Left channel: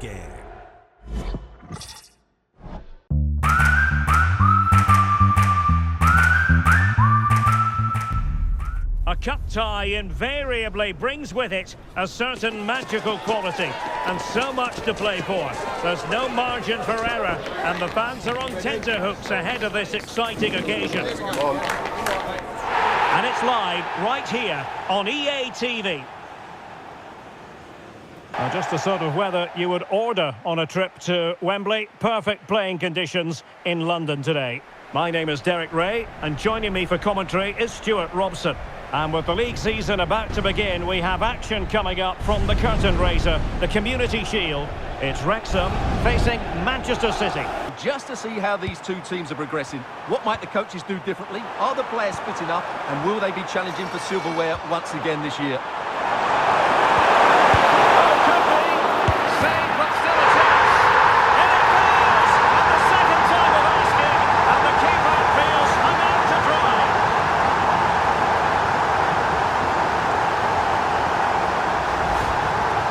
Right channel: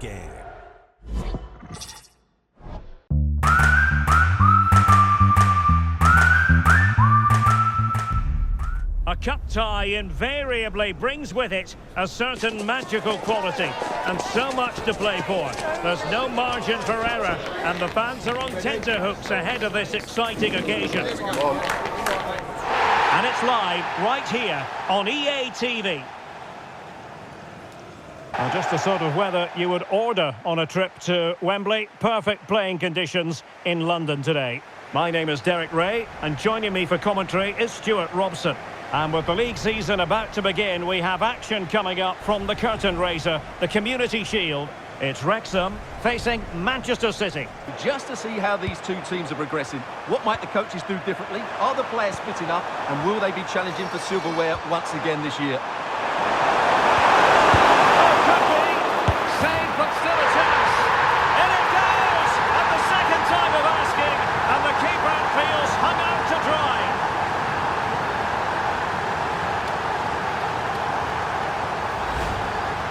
game. A cup tie invariably brings with it a certain magical quality and so much to play for. There's no margin for error and the fans are on tenterhooks ahead of this exciting occasion. And it's live right here on EA TV. Just the sort of weather you would order on a trip to Wembley. Perfect playing conditions in London today. My name is Derek Ray and joining me for commentary is Stuart Robson. And with the league season about to begin, we have action coming up from the curtain raiser, the Community Shield. It's Wrexham facing Manchester City. Just to see how these two teams are progressing. What might the coaches do differently? Are the players fit enough? And will they be challenging for silverware once again this year? Oh, could be. Saved, but still a chance. In it goes! And the second time of asking. And the keeper feels hung out to dry.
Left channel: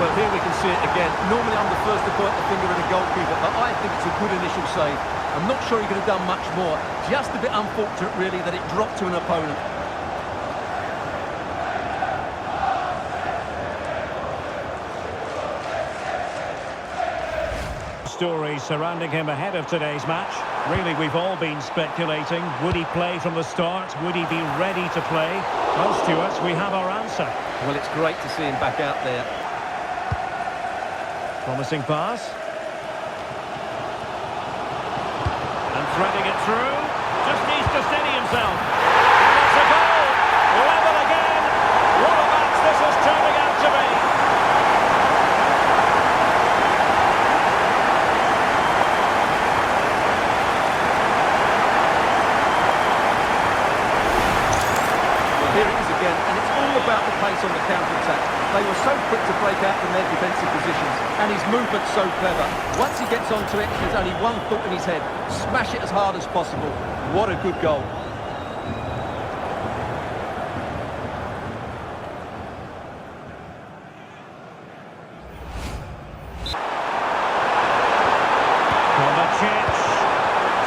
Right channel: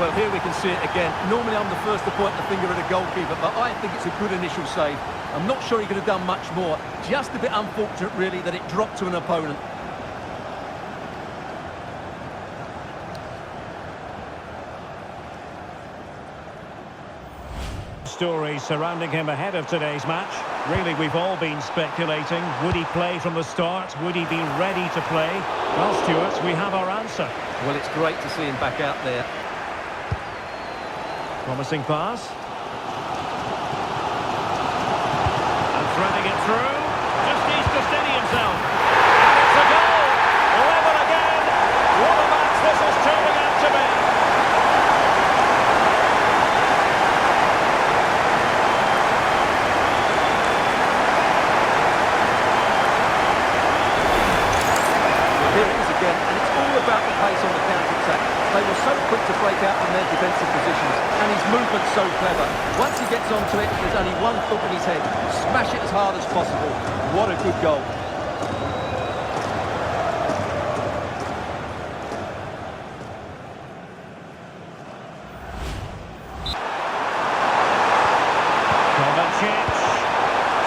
Well, here we can see it again. Normally I'm the first to point the finger at a goalkeeper, but I think it's a good initial save. I'm not sure he could have done much more. Just a bit unfortunate, really, that it dropped to an opponent. Stories surrounding him ahead of today's match. Really, we've all been speculating. Would he play from the start? Would he be ready to play? Well, Stuart, we have our answer. Well, it's great to see him back out there. Promising pass. And threading it through. Just needs to steady himself. And it's a goal. Level again. What a match this is turning out to be. Well, here it is again, and it's all about the pace on the counter-attack. They were so quick to break out from their defensive positions, and his movement's so clever. Once he gets onto it, there's only one thought in his head: smash it as hard as possible. What a good goal. Kovacic.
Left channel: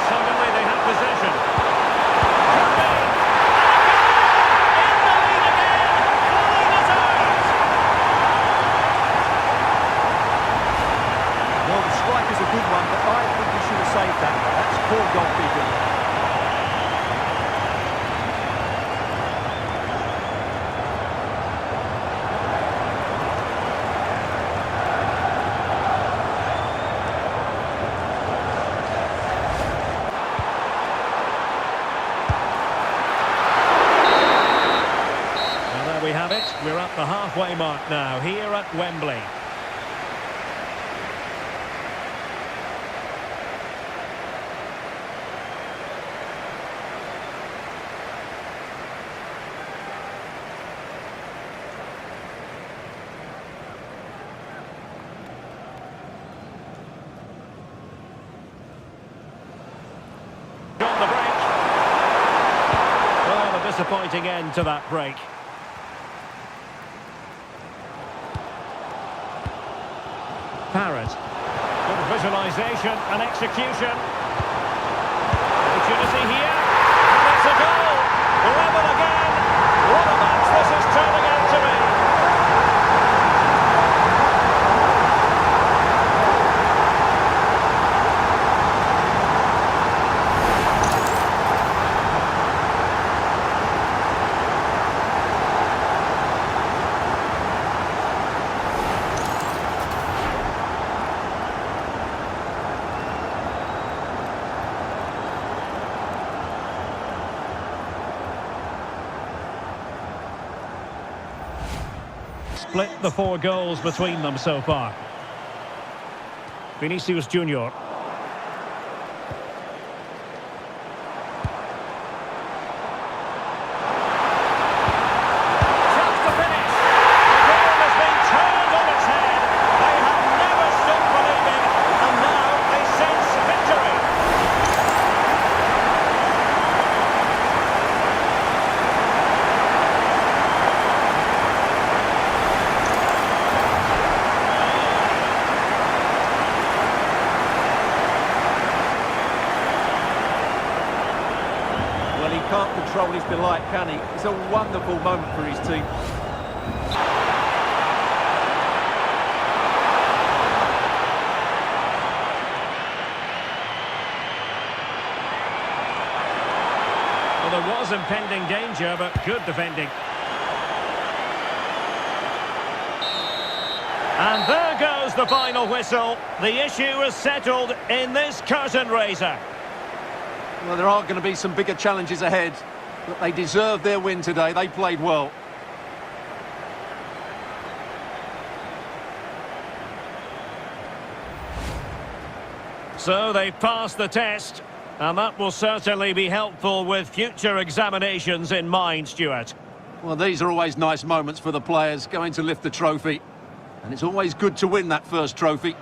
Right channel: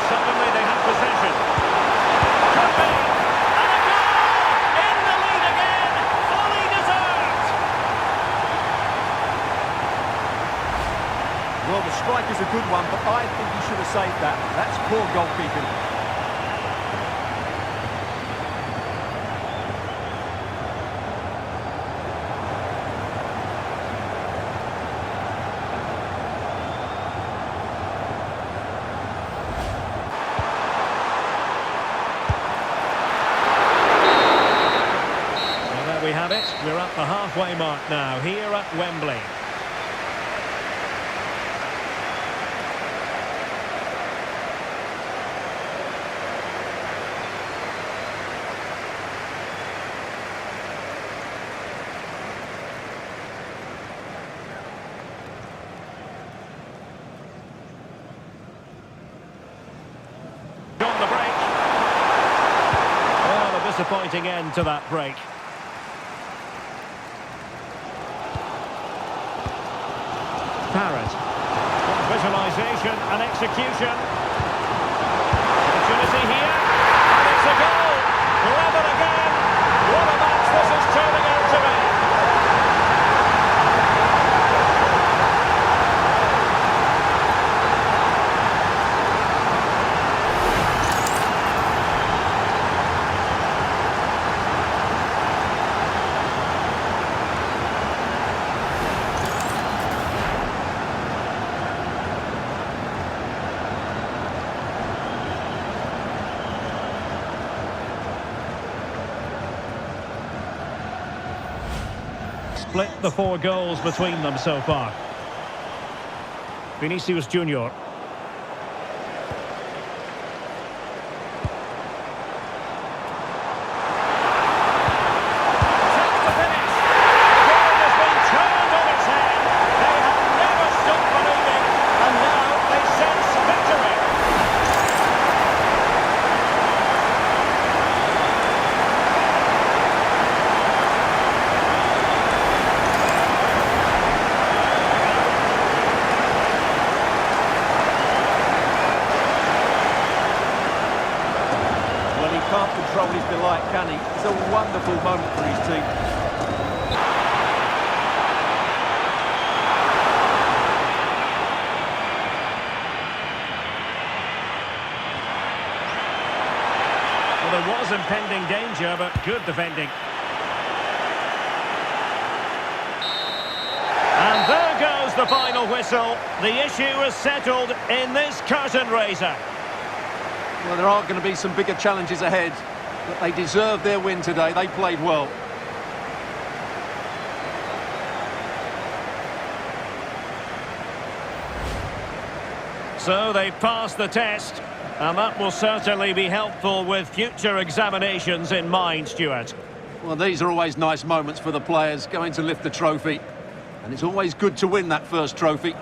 Suddenly they have possession. Could be. And a goal! In the lead again! Fully deserved! Well, the strike is a good one, but I think he should have saved that. That's poor goalkeeping. Well, there we have it. We're at the halfway mark now, here at Wembley. On the break. Well, a disappointing end to that break. Parrott. Good visualisation and execution. Opportunity here. And it's a goal. Level again. What a match this is turning out to be. Split the 4 goals between them so far. Vinicius Junior. Chance to finish. The game has been turned on its head. They have never stopped believing, and now they sense victory. Well, he can't control his delight, can he? It's a wonderful moment for his team. Well, there was impending danger, but good defending. And there goes the final whistle. The issue is settled in this curtain raiser. Well, there are going to be some bigger challenges ahead, but they deserve their win today. They played well. So they've passed the test, and that will certainly be helpful with future examinations in mind, Stuart. Well, these are always nice moments for the players going to lift the trophy. And it's always good to win that first trophy.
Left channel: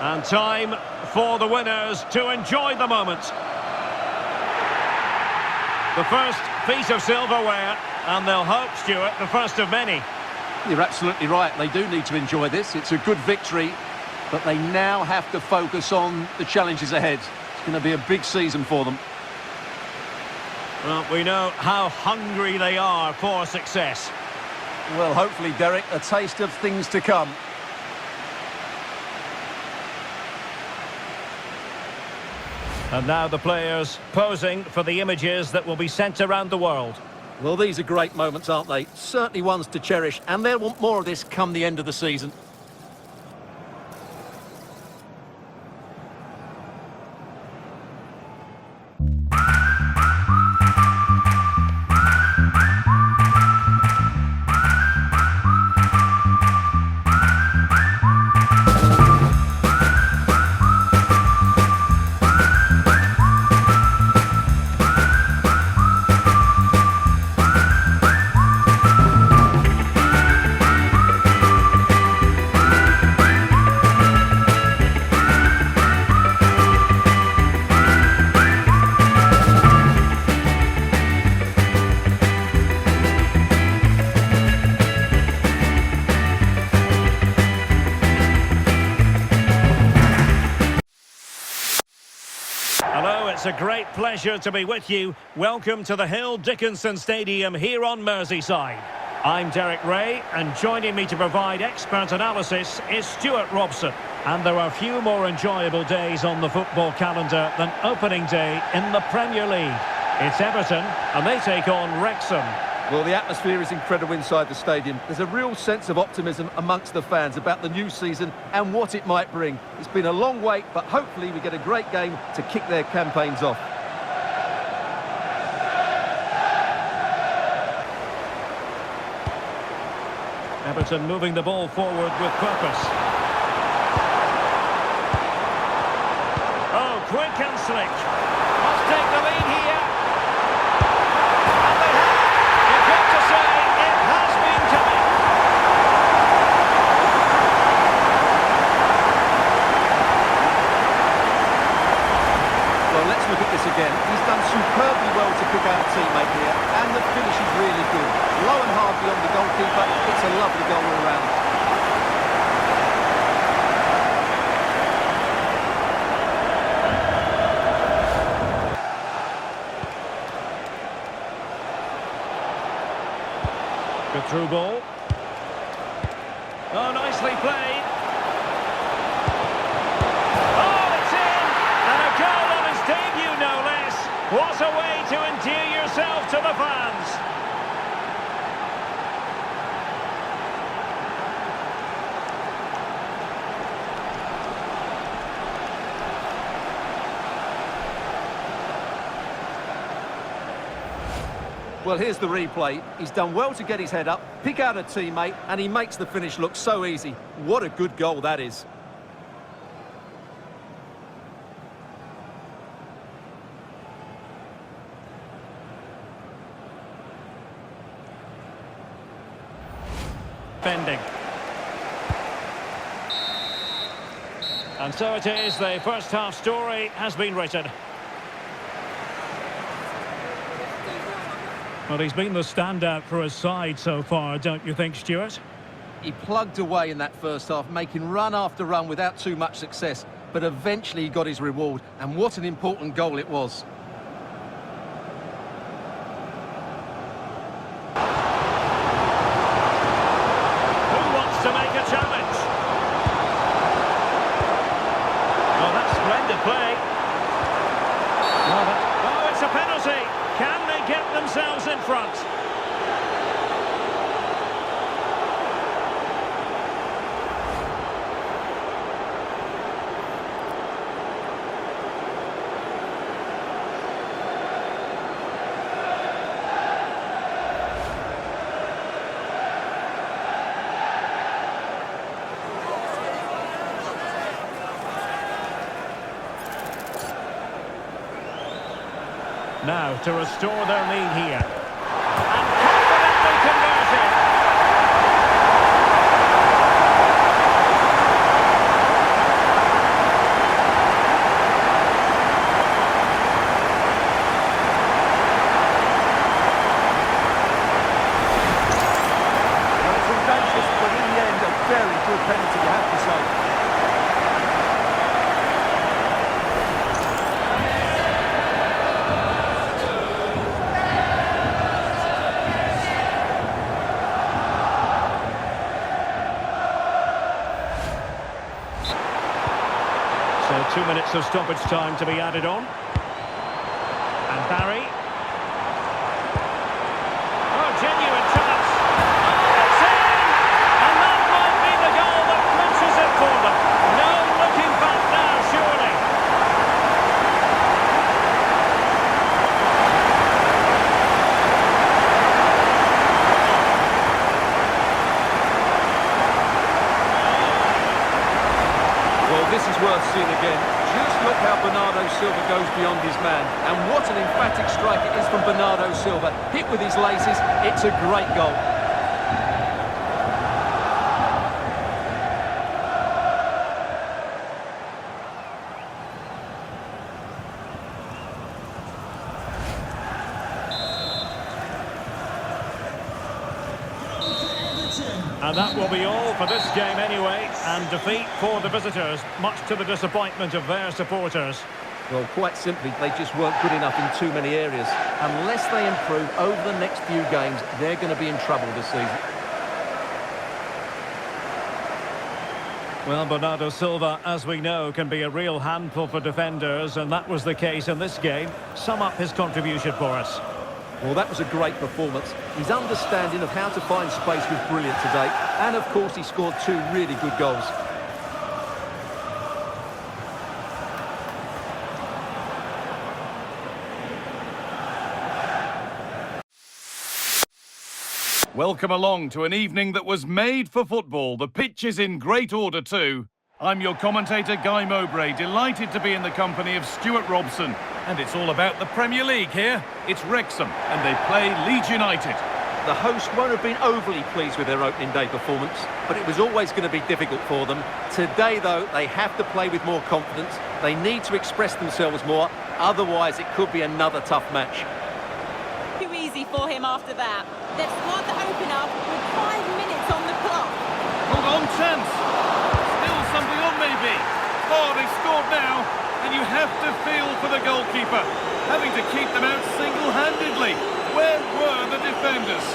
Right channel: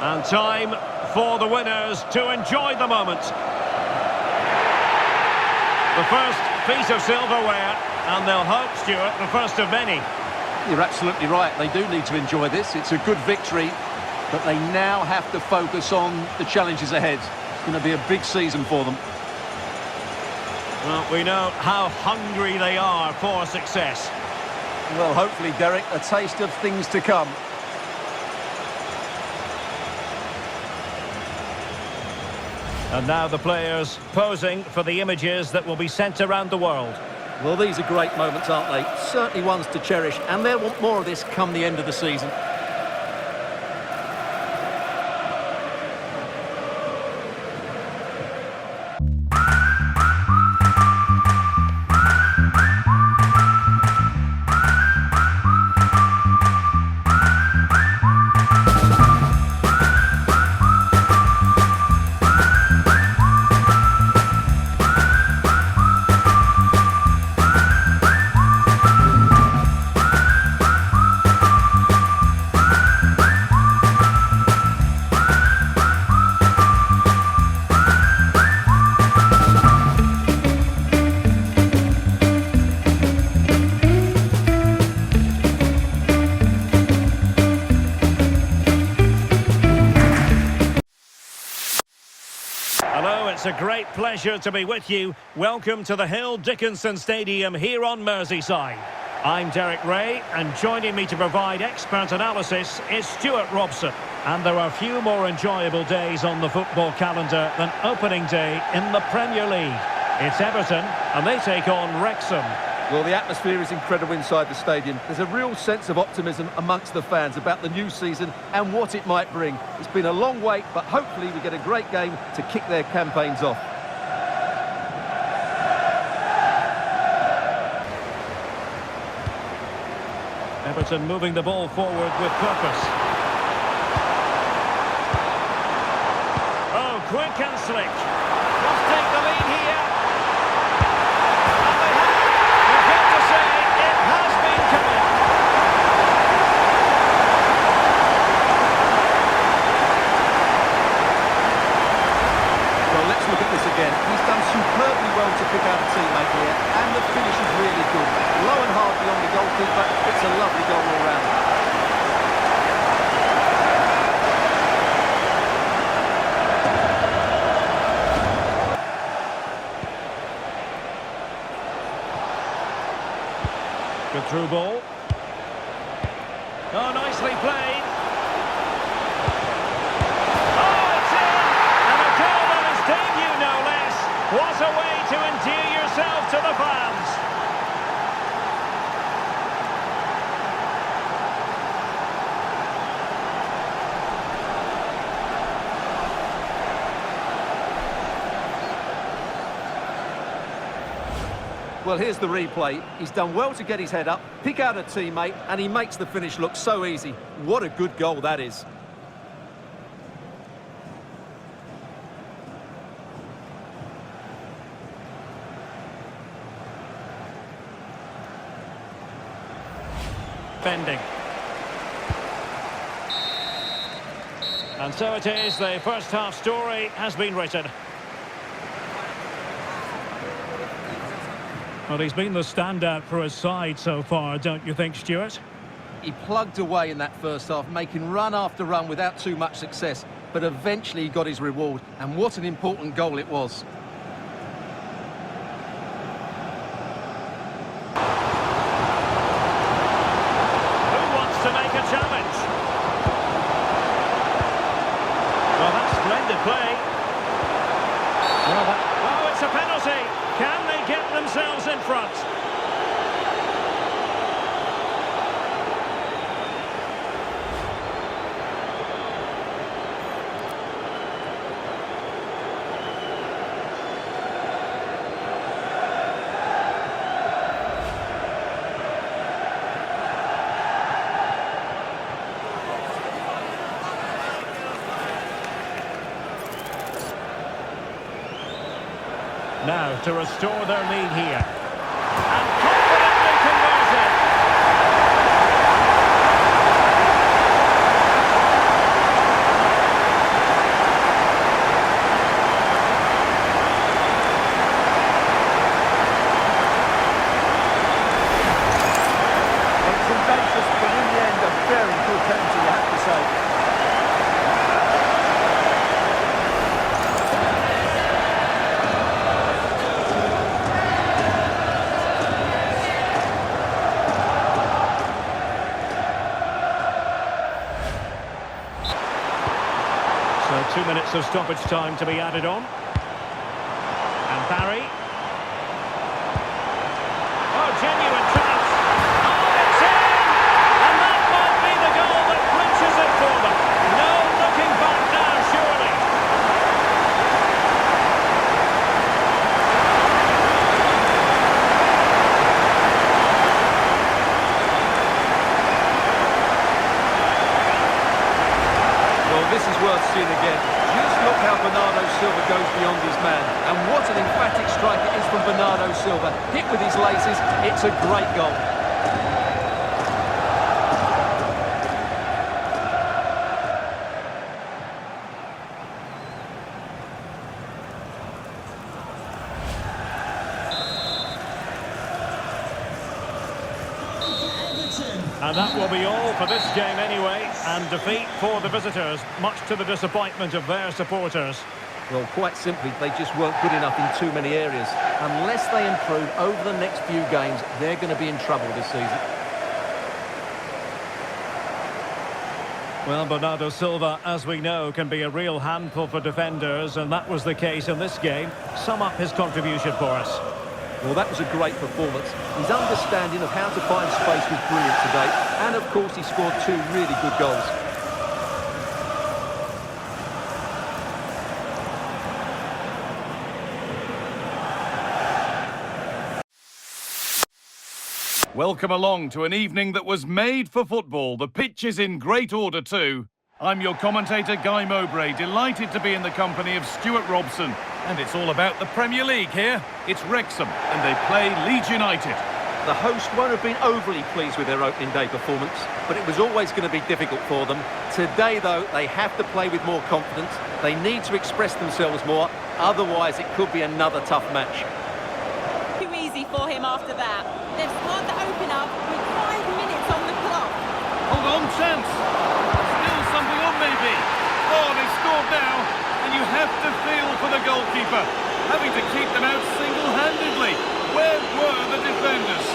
And time for the winners to enjoy the moment. The first piece of silverware, and they'll hope, Stuart, the first of many. You're absolutely right. They do need to enjoy this. It's a good victory, but they now have to focus on the challenges ahead. It's going to be a big season for them. Well, we know how hungry they are for success. Well, hopefully, Derek, a taste of things to come. And now the players posing for the images that will be sent around the world. Well, these are great moments, aren't they? Certainly ones to cherish, and they'll want more of this come the end of the season. Hello, it's a great pleasure to be with you. Welcome to the Hill Dickinson Stadium here on Merseyside. I'm Derek Ray, and joining me to provide expert analysis is Stuart Robson. And there are few more enjoyable days on the football calendar than opening day in the Premier League. It's Everton, and they take on Wrexham. Well, the atmosphere is incredible inside the stadium. There's a real sense of optimism amongst the fans about the new season and what it might bring. It's been a long wait, but hopefully we get a great game to kick their campaigns off. Everton moving the ball forward with purpose. Oh, quick and slick. Must take the lead here. And they have. You've got to say, it has been coming. Well, let's look at this again. He's done superbly well to pick out a teammate here, and the finish is really good. Low and hard beyond the goalkeeper. It's a lovely goal all round. Good through ball. Oh, nicely played. Oh, it's in! And a goal on his debut, no less. What a way to endear yourself to the fans. Well, here's the replay. He's done well to get his head up, pick out a teammate, and he makes the finish look so easy. What a good goal that is. Defending. And so it is, the first half story has been written. Well, he's been the standout for his side so far, don't you think, Stuart? He plugged away in that first half, making run after run without too much success, but eventually he got his reward, and what an important goal it was. challenge. Well, that's splendid play. Oh, it's a penalty. Can they get themselves in front? Now to restore their lead here. And confidently converted. Well, it's audacious, but in the end, a very good penalty, you have to say. So 2 minutes of stoppage time to be added on. And Barry. Oh, genuine chance. Oh, it's in! And that might be the goal that clinches it for them. No looking back now, surely. Well, this is worth seeing again. Just look how Bernardo Silva goes beyond his man. And what an emphatic strike it is from Bernardo Silva. Hit with his laces, it's a great goal. And that will be all for this game anyway. And defeat for the visitors, much to the disappointment of their supporters. Well, quite simply, they just weren't good enough in too many areas. Unless they improve over the next few games, they're going to be in trouble this season. Well, Bernardo Silva, as we know, can be a real handful for defenders, and that was the case in this game. Sum up his contribution for us. Well, that was a great performance. His understanding of how to find space was brilliant today. And, of course, he scored 2 really good goals. Welcome along to an evening that was made for football. The pitch is in great order too. I'm your commentator, Guy Mowbray, delighted to be in the company of Stuart Robson. And it's all about the Premier League here. It's Wrexham, and they play Leeds United. The host won't have been overly pleased with their opening day performance, but it was always going to be difficult for them. Today, though, they have to play with more confidence. They need to express themselves more, otherwise it could be another tough match. Too easy for him after that. They've scored the opener with 5 minutes on the clock. Hold on, chance. Still something on maybe. Oh, they've scored now. And you have to feel for the goalkeeper, having to keep them out single-handedly. Where were the defenders?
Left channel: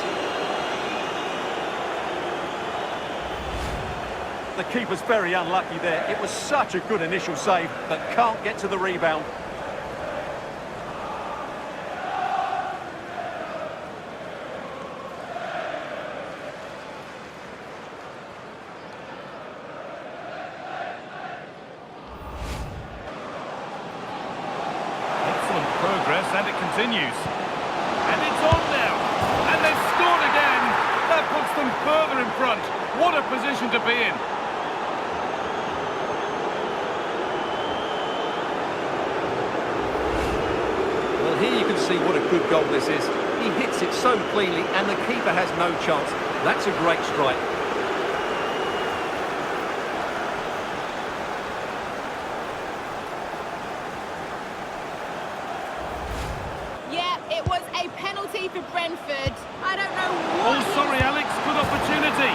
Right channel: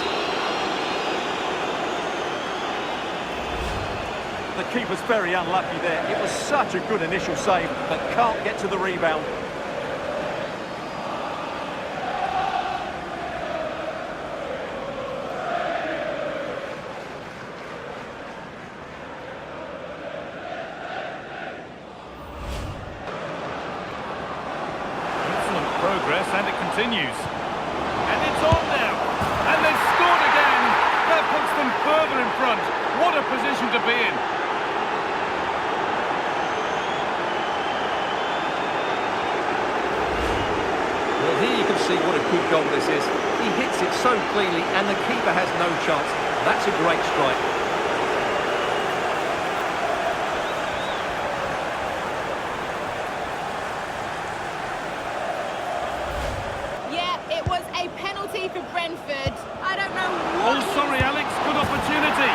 The keeper's very unlucky there. It was such a good initial save, but can't get to the rebound. Excellent progress, and it continues. And it's on now. And they've scored again. That puts them further in front. What a position to be in. Well, here you can see what a good goal this is. He hits it so cleanly, and the keeper has no chance. That's a great strike. Yeah, it was a penalty for Brentford. I don't know Oh, what... sorry, Alex. Good opportunity.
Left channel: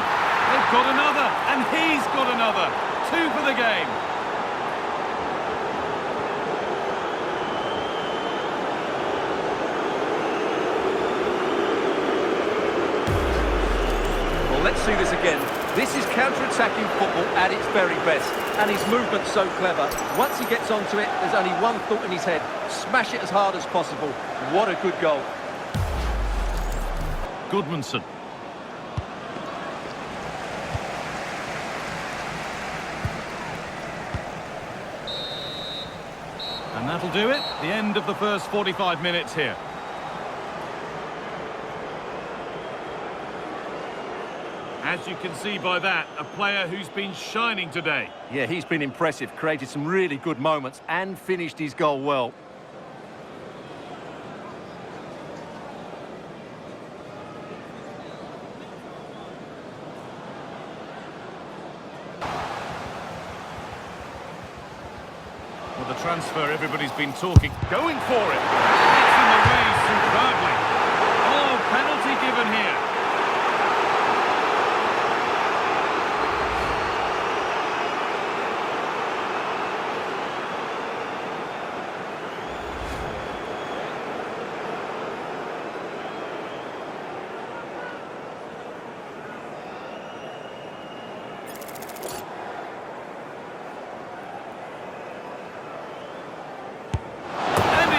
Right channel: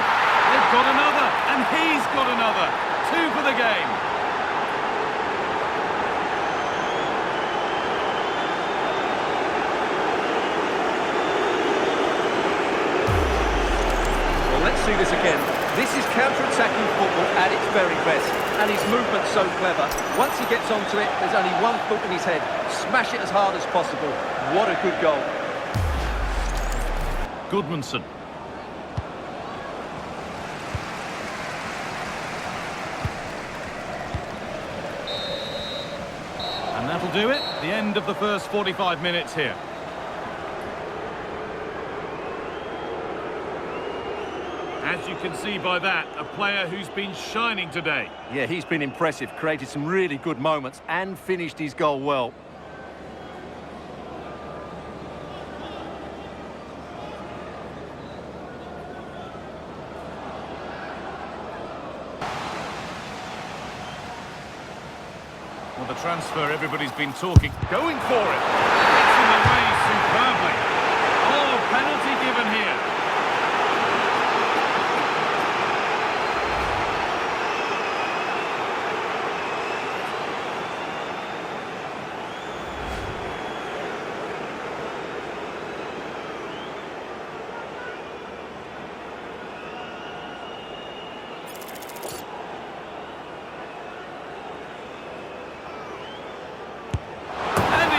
They've got another, and he's got another. 2 for the game. Well, let's see this again. This is counter-attacking football at its very best, and his movement's so clever. Once he gets onto it, there's only one thought in his head: smash it as hard as possible. What a good goal. Goodmanson. And that'll do it. The end of the first 45 minutes here. As you can see by that, a player who's been shining today. Yeah, he's been impressive, created some really good moments and finished his goal well. Well, the transfer everybody's been talking. Going for it. It's in the way superbly. Oh, penalty given here.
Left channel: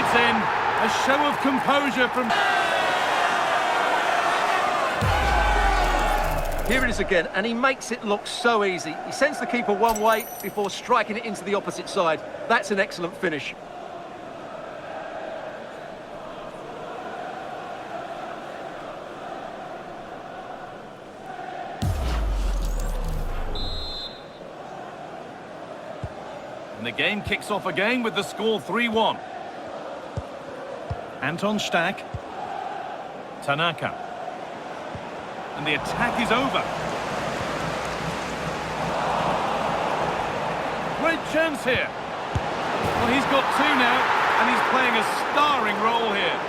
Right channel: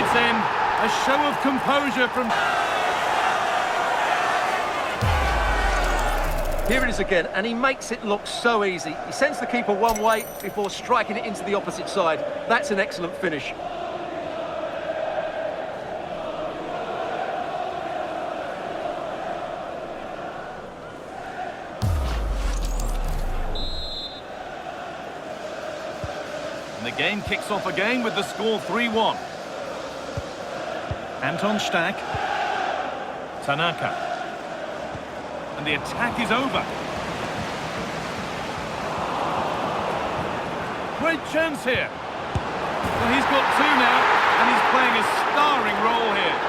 In a show of composure from... Here it is again, and he makes it look so easy. He sends the keeper one way before striking it into the opposite side. That's an excellent finish. And the game kicks off again with the score 3-1. Anton Stack. Tanaka. And the attack is over. Great chance here. Well, he's got two now, and he's playing a starring role here.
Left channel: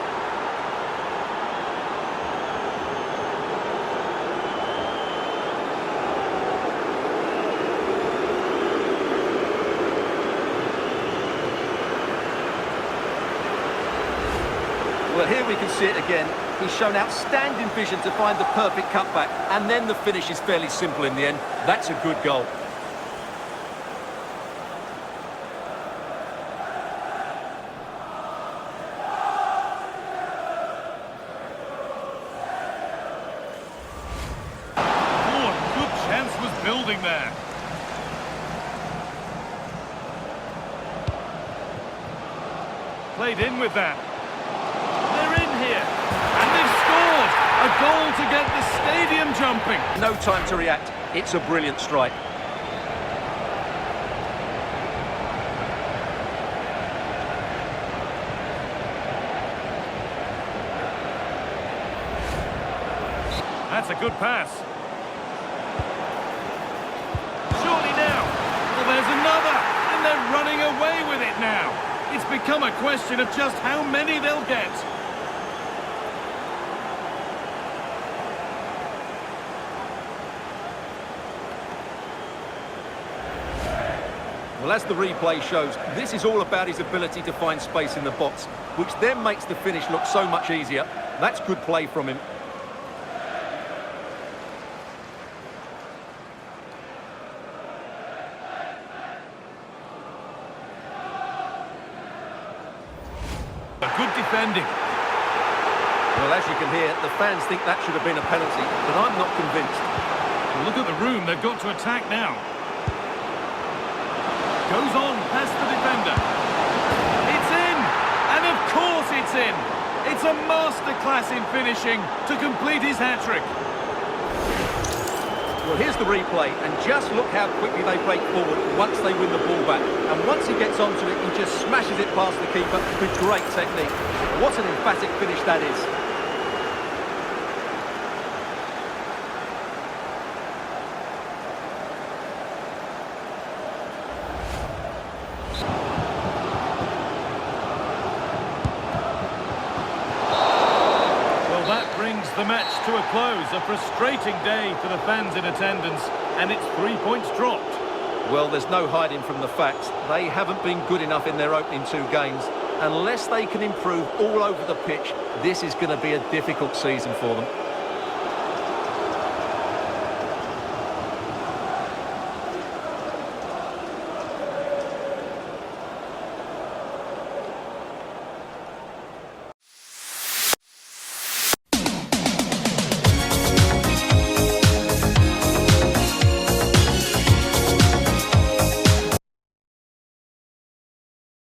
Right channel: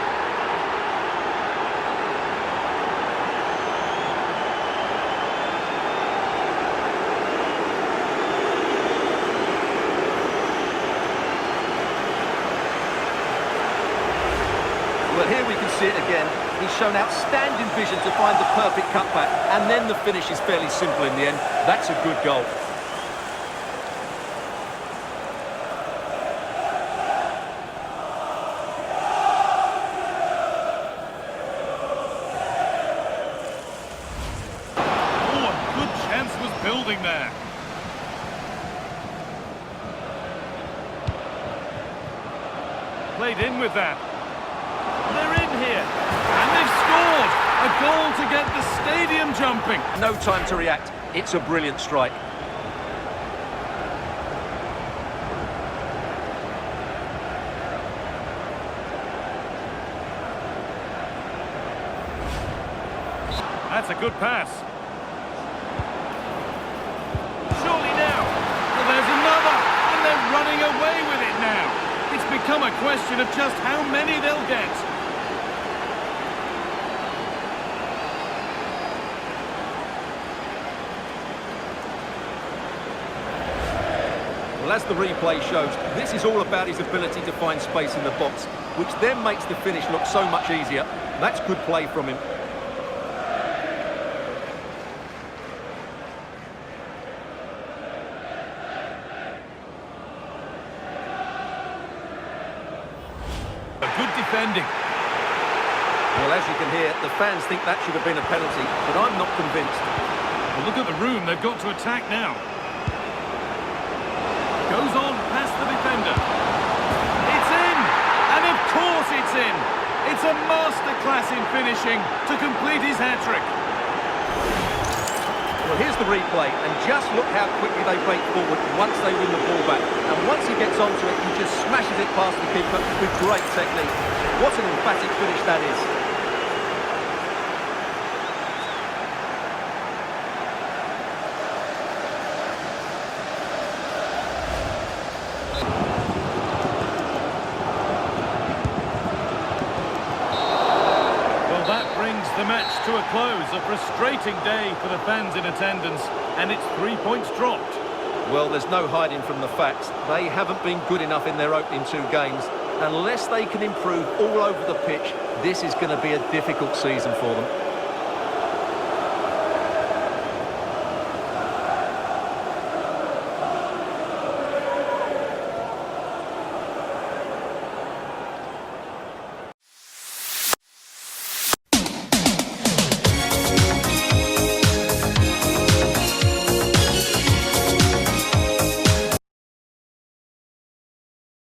Well, here we can see it again. He's shown outstanding vision to find the perfect cutback, and then the finish is fairly simple in the end. That's a good goal. Oh, a good chance was building there. Played in with that. They're in here, and they've scored! A goal to get the stadium jumping. No time to react. It's a brilliant strike. That's a good pass. Surely now. Well, there's another, and they're running away with it now. It's become a question of just how many they'll get. Well, as the replay shows, this is all about his ability to find space in the box, which then makes the finish look so much easier. That's good play from him. A good defending. Well, as you can hear, the fans think that should have been a penalty, but I'm not convinced. Well, look at the room. They've got to attack now. Goes on past the defender. It's in! And of course it's in! It's a masterclass in finishing to complete his hat-trick. Well, here's the replay, and just look how quickly they break forward once they win the ball back. And once he gets onto it, he just smashes it past the keeper with great technique. What an emphatic finish that is. Well, that brings the match to a close. A frustrating day for the fans in attendance, and it's 3 points dropped. Well, there's no hiding from the facts. They haven't been good enough in their opening two games. Unless they can improve all over the pitch, this is going to be a difficult season for them.